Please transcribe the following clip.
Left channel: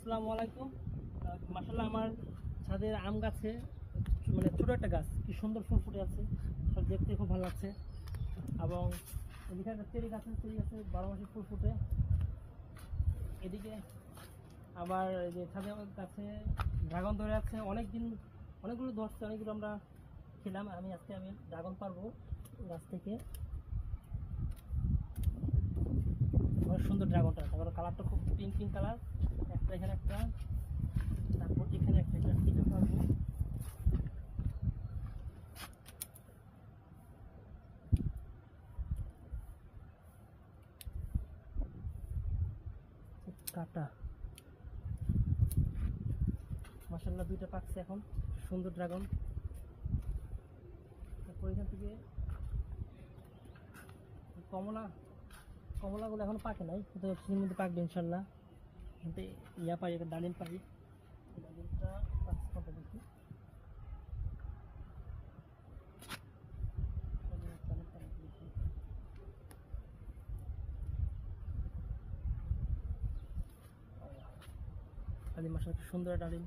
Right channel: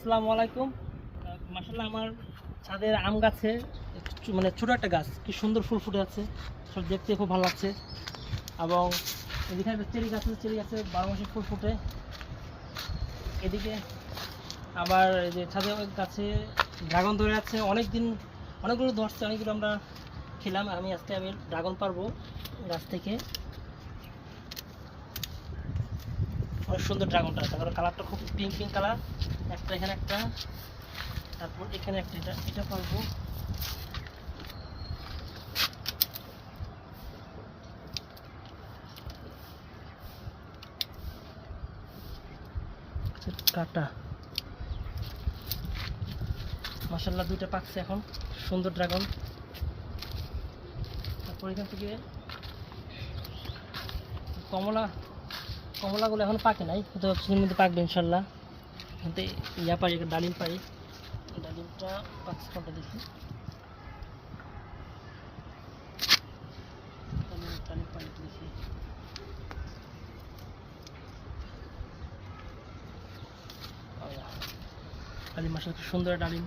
আসসালামু আলাইকুম। মাশাআল্লাহ আমার ছাদের আম গাছে মানে ছোট একটা গাছ কি সুন্দর ফুল ফুটে আছে, সব দেখতে খুব ভালো লাগছে। এবং এদিকে একটা চেরি গাছ আছে, চেরি গাছে 12 মাসে ফুল ফুটে। এদিকে আবার এই যে ছাদের ওই গাছে ড্রাগন ধরে আছে, অনেকগুলো ধরছে, অনেকগুলো আমরা খেলাম। আর আমি ড্রাগন পারবো গাছ থেকে। অনেক সুন্দর ড্রাগনটা, তারপরে কালারটা খুব পিঙ্ক পিঙ্ক কালার। একটা এখানে একটা, তারপর এখানে একটা, এটা পারবো। কাটা মাশাআল্লাহ দুইটা পাকছে এখন, সুন্দর ড্রাগন। তারপর এখান থেকে কমলা, কমলাগুলো এখন পাকে নাই, হয়তো কিছুদিনের মধ্যে পাকবে ইনশাল্লাহ। এখান থেকে পারি, ডালিম পারি। ডালিমটা পাকছে কোনটা দেখি, ডালিম পারি দেখি। ডালিম মাশাআল্লাহ সুন্দর ডালিম।